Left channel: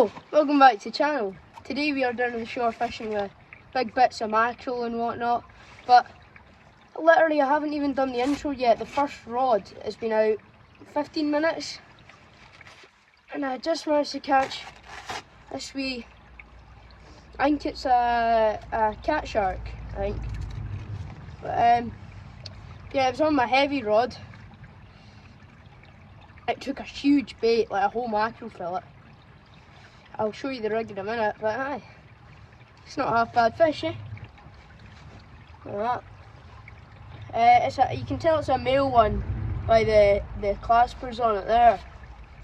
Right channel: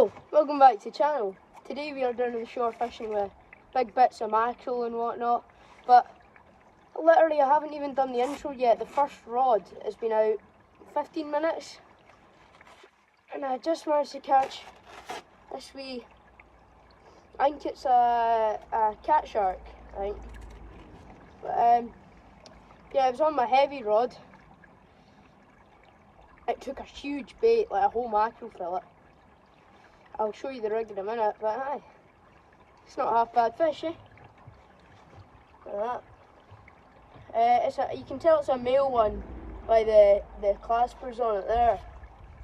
Hello, welcome back to the channel. Today we are down on the shore fishing with big bits of mackerel and whatnot, but literally I haven't even done the intro yet. The first rod has been out 15 minutes and I just managed to catch this wee, I think it's a cat shark, I think. But yeah, it was on my heavy rod. It took a huge bait, like a whole mackerel fillet. I'll show you the rig in a minute, but aye, it's not a half bad fish, eh? Look at that. You can tell it's a male one by the claspers on it there.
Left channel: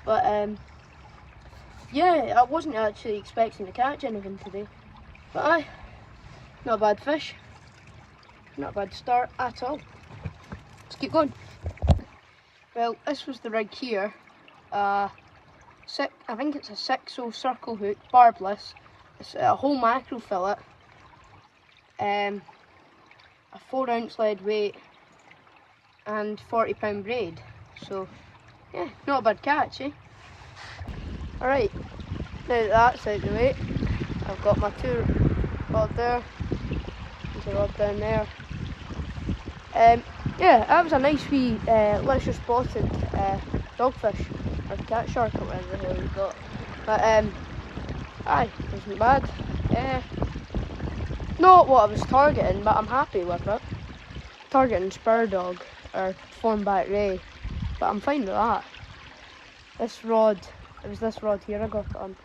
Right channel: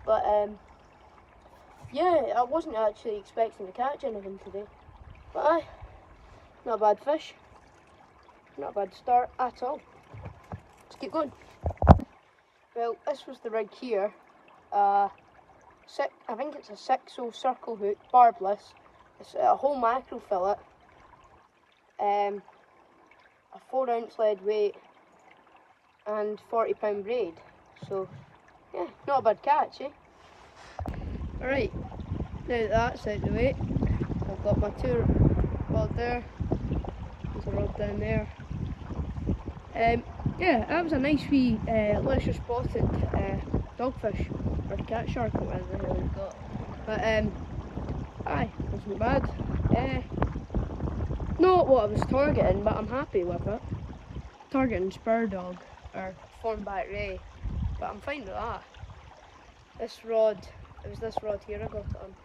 But yeah, I wasn't actually expecting to catch anything today. But aye, not a bad fish. Not a bad start at all. Let's keep going. Well, this was the rig here. I think it's a 6-0 circle hook, barbless. It's a whole mackerel fillet. A 4-ounce lead weight and 40-pound braid. So yeah, not a bad catch, eh? Alright, now that that's out of the way, I've got my two rod there. There's a rod down there. Yeah, that was a nice wee leisure spotted dogfish, or cat shark, or whatever the hell we've got. But aye, wasn't bad. Not what I was targeting, but I'm happy with it. Targeting spur dog or form-back ray, but I'm fine with that. This rod, it was this rod here I got it on.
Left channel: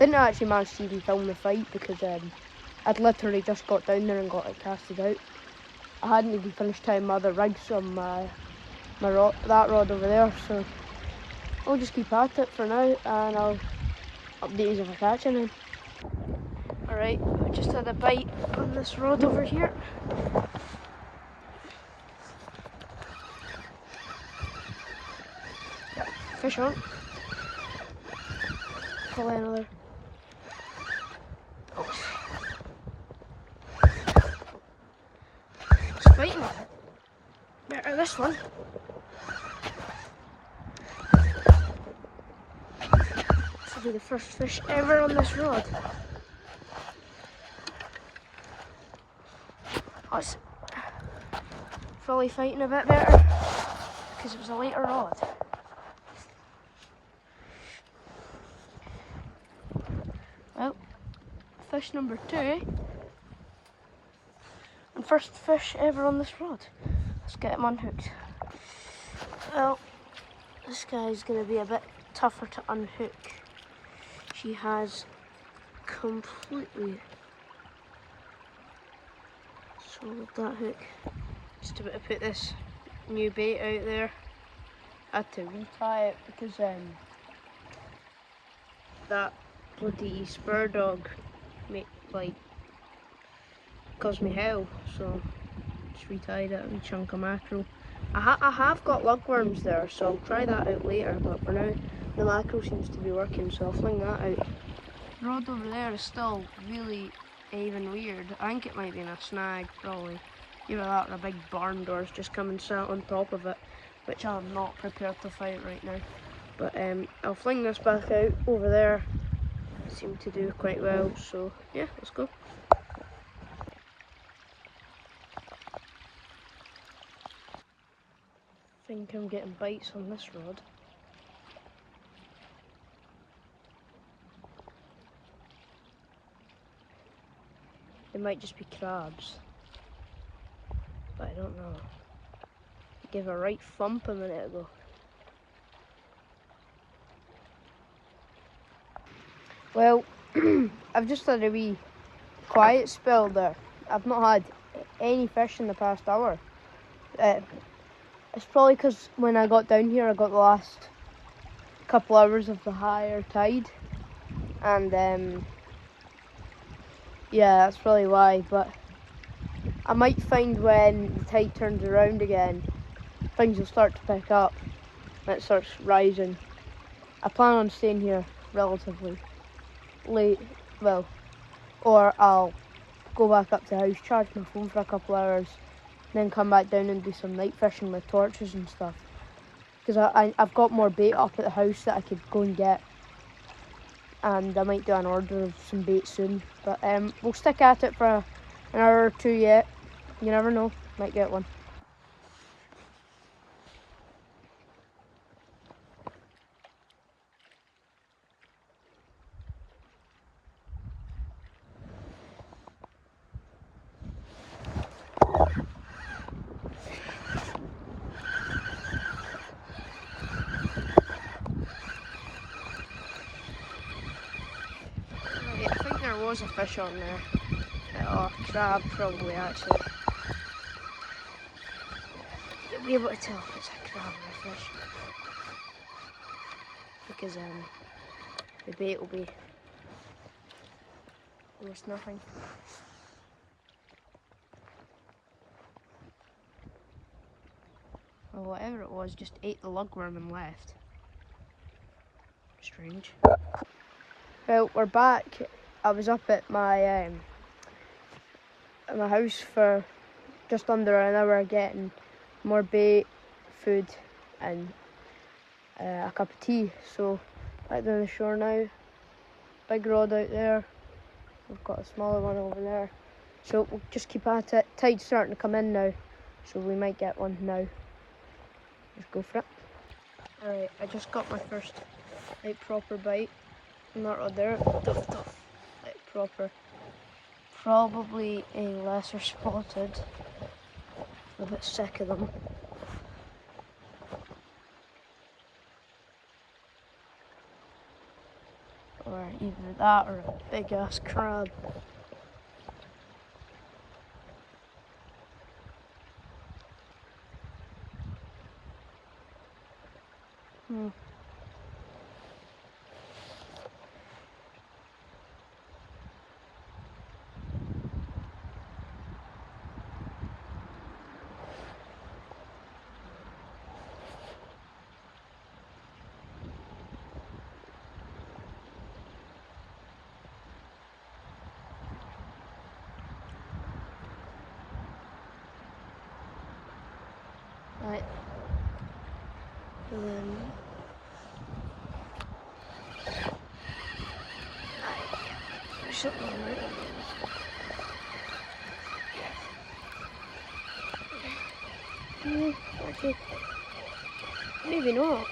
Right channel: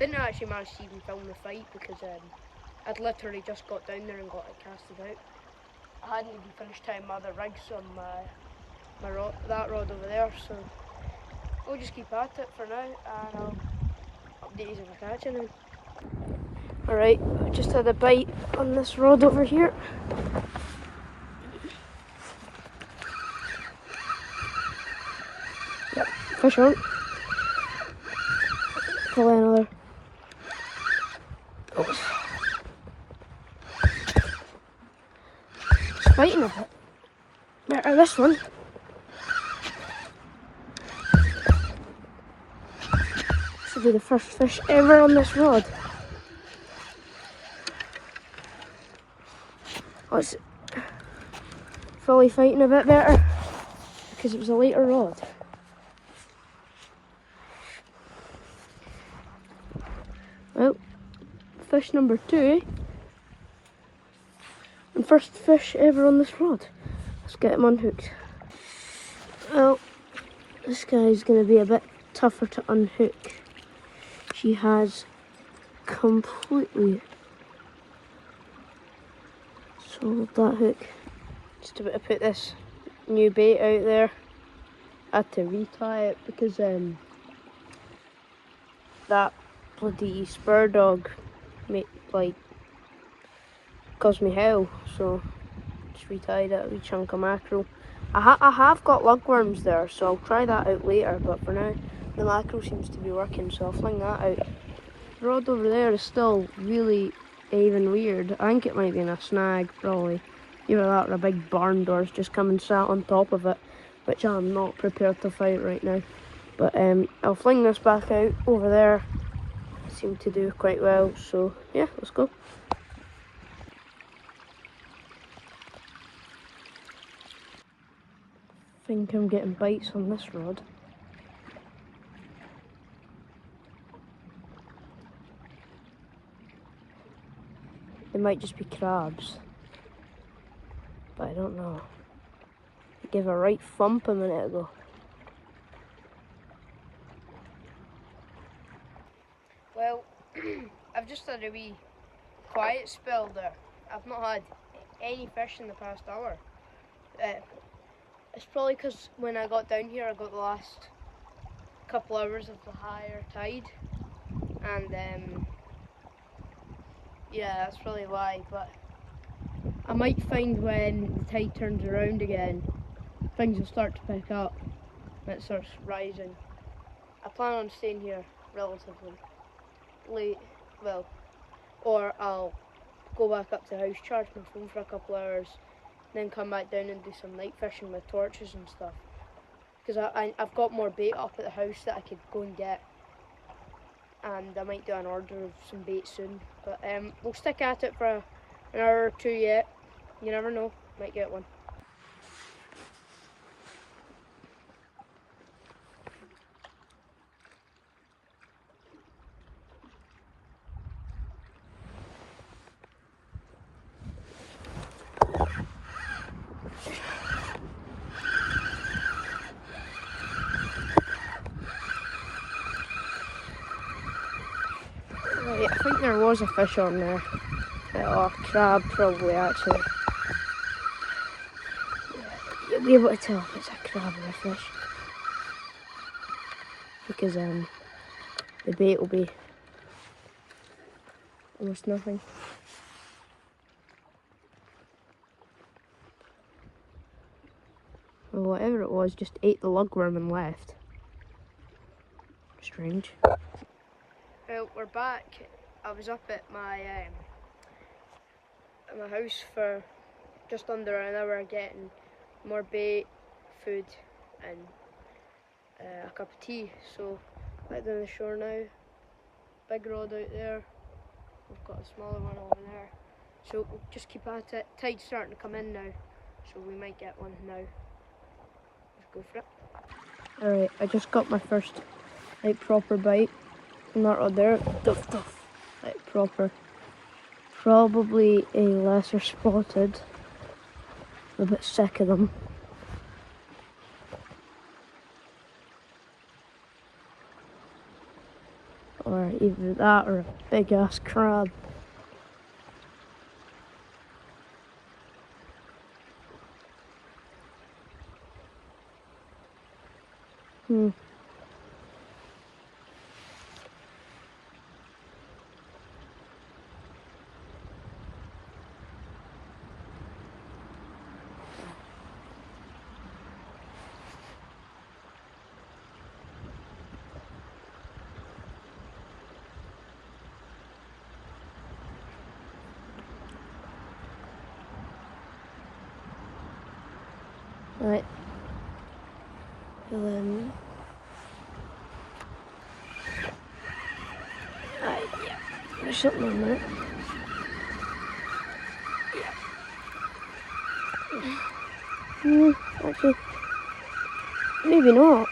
Didn't actually manage to even film the fight because I'd literally just got down there and got it casted out. I hadn't even finished tying my other rigs on that rod over there, so I'll just keep at it for now and I'll update you if I catch anything. Alright, I just had a bite on this rod over here. Yep, fish on. Probably another. Oh. It's biting a bit. Better this one. This will be the first fish ever on this rod. Oh, it's probably fighting a bit better because it was a lighter rod. Well, fish number 2, eh? And first fish ever on this rod. Let's get him unhooked. Well, this guy's going to be a bit tougher to unhook. She has completely swallowed that hook. Just about to put this new bait out there. I had to retie it because that bloody spur dog caused me hell, so just retied it, a wee chunk of mackerel. I have got lugworms there, so I'll try that out later, but for now the mackerel seems to be working, so I'll fling that out. The rod over there is still really even weird. I think it might be in a snag, probably. Either that or a big barn door's just come and sat on top of it, which I'm not prepared to fight right now. But I'll fling this back out over there. Seemed to do quite well, so yeah, let's go. I think I'm getting bites on this rod. They might just be crabs, but I don't know. I gave a right thump a minute ago. Well, I've just had a wee quiet spell there. I've not had any fish in the past hour. It's probably because when I got down here I got the last couple hours of the higher tide, and yeah, that's probably why. But I might find when the tide turns around again, things will start to pick up and it starts rising. I plan on staying here relatively late, well, or I'll go back up to the house, charge my phone for a couple hours, then come back down and do some night fishing with torches and stuff. Because I've got more bait up at the house that I could go and get and I might do an order of some bait soon. But we'll stick at it for an hour or two yet. You never know, might get one. Right, I think there was a fish on there. Or a crab probably actually. You'll be able to tell if it's a crab or a fish. Because the bait will be almost nothing. Well, whatever it was just ate the lugworm and left. Strange. Well, we're back. I was up at my house for just under an hour getting more bait, food and a cup of tea. So back down the shore now. Big rod out there. We've got a smaller one over there. So we'll just keep at it. Tide's starting to come in now, so we might get one now. Let's go for it. Alright, I just got my first like proper bite on that rod there. Duff. Like proper. Probably a lesser spotted. I'm a bit sick of them. Or either that or a big ass crab. Right. Yeah. There's something on there. Actually, maybe not.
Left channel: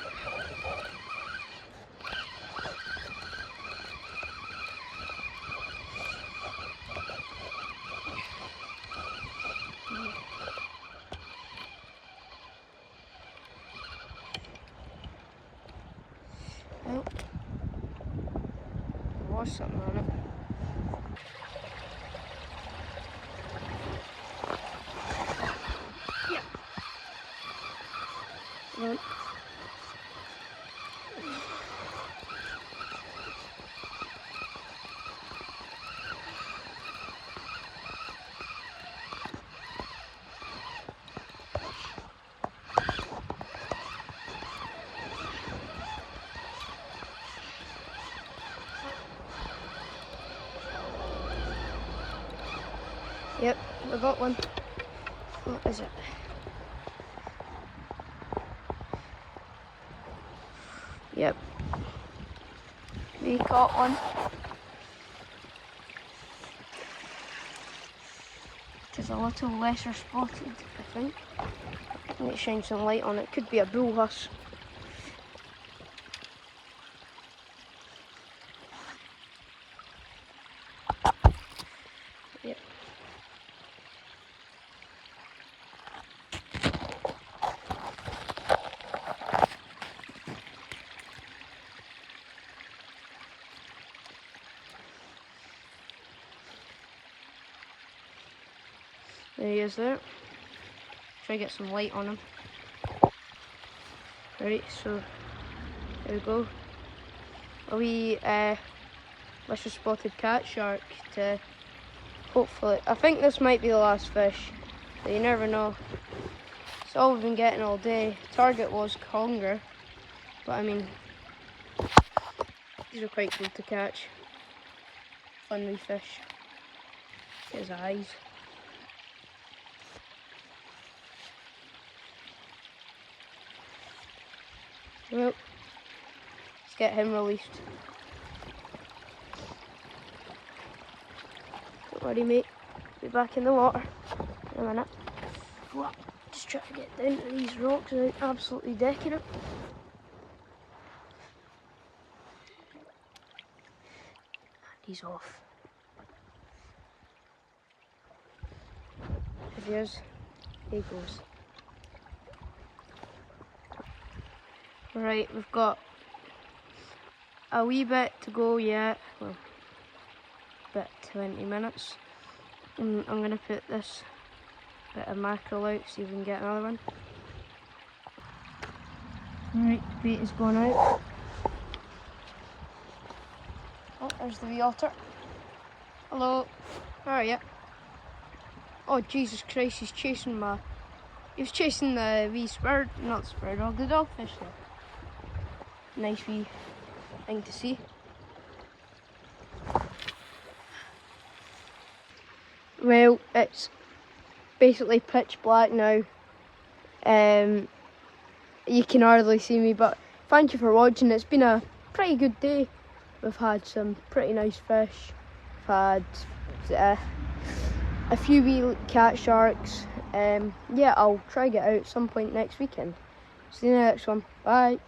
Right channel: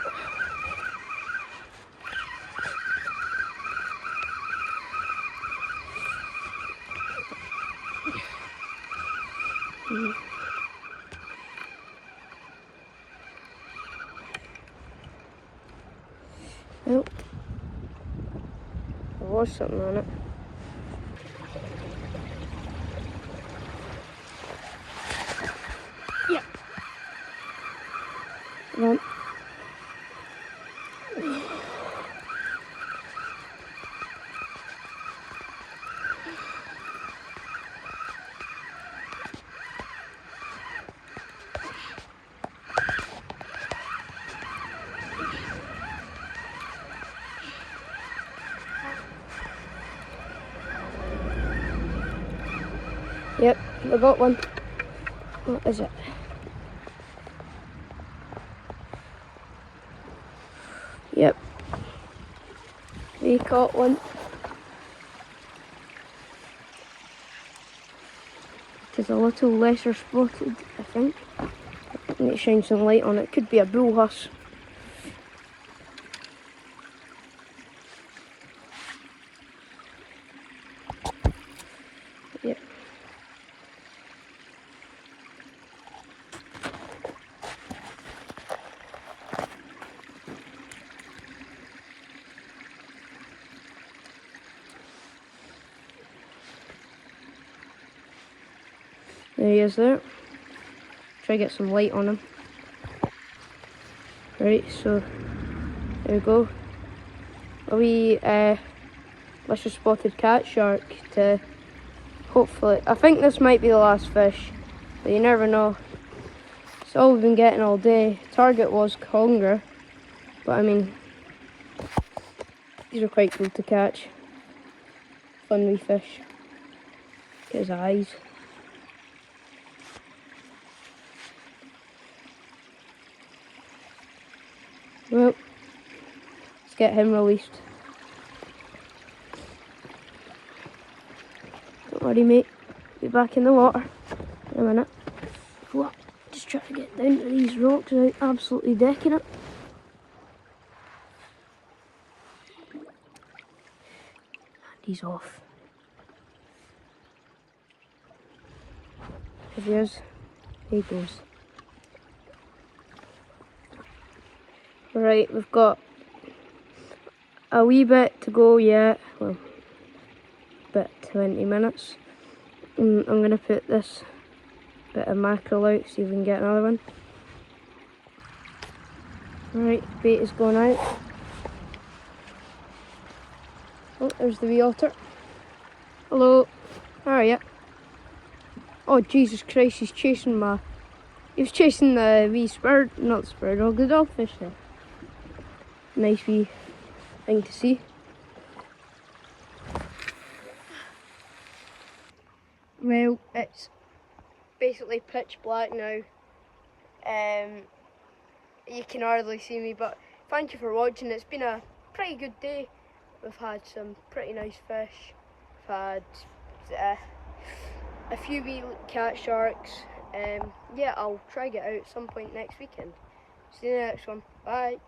Well, there was something on it. Yeah. Come on. Yep, I got one. What is it? Yep. We caught one. It is a little lesser spotted, I think. I need to shine some light on it. Could be a bull huss. Yep. There he is there. Try to get some light on him. Right, so there we go. A wee lesser spotted cat shark to hopefully, I think this might be the last fish, but you never know. It's all we've been getting all day. Target was conger, but I mean, these are quite cool to catch. Fun wee fish. Get his eyes. Well, let's get him released. worry, mate. Be back in the water in a minute. Whoa, just trying to get down to these rocks without absolutely decking it. He's off. There he is. There he goes. Right, we've got a wee bit to go yet. Well, about 20 minutes. I'm going to put this bit of mackerel out, see if we can get another one. Right, bait is going out. Oh, there's the wee otter. Hello, how are you? Oh, Jesus Christ, he's chasing he was chasing the wee not the spur dog, the dogfish there. Nice wee thing to see. Well, it's basically pitch black now. You can hardly see me, but thank you for watching. It's been a pretty good day. We've had some pretty nice fish. We've had a few wee cat sharks. Yeah, I'll try get out at some point next weekend. See you in the next one. Bye.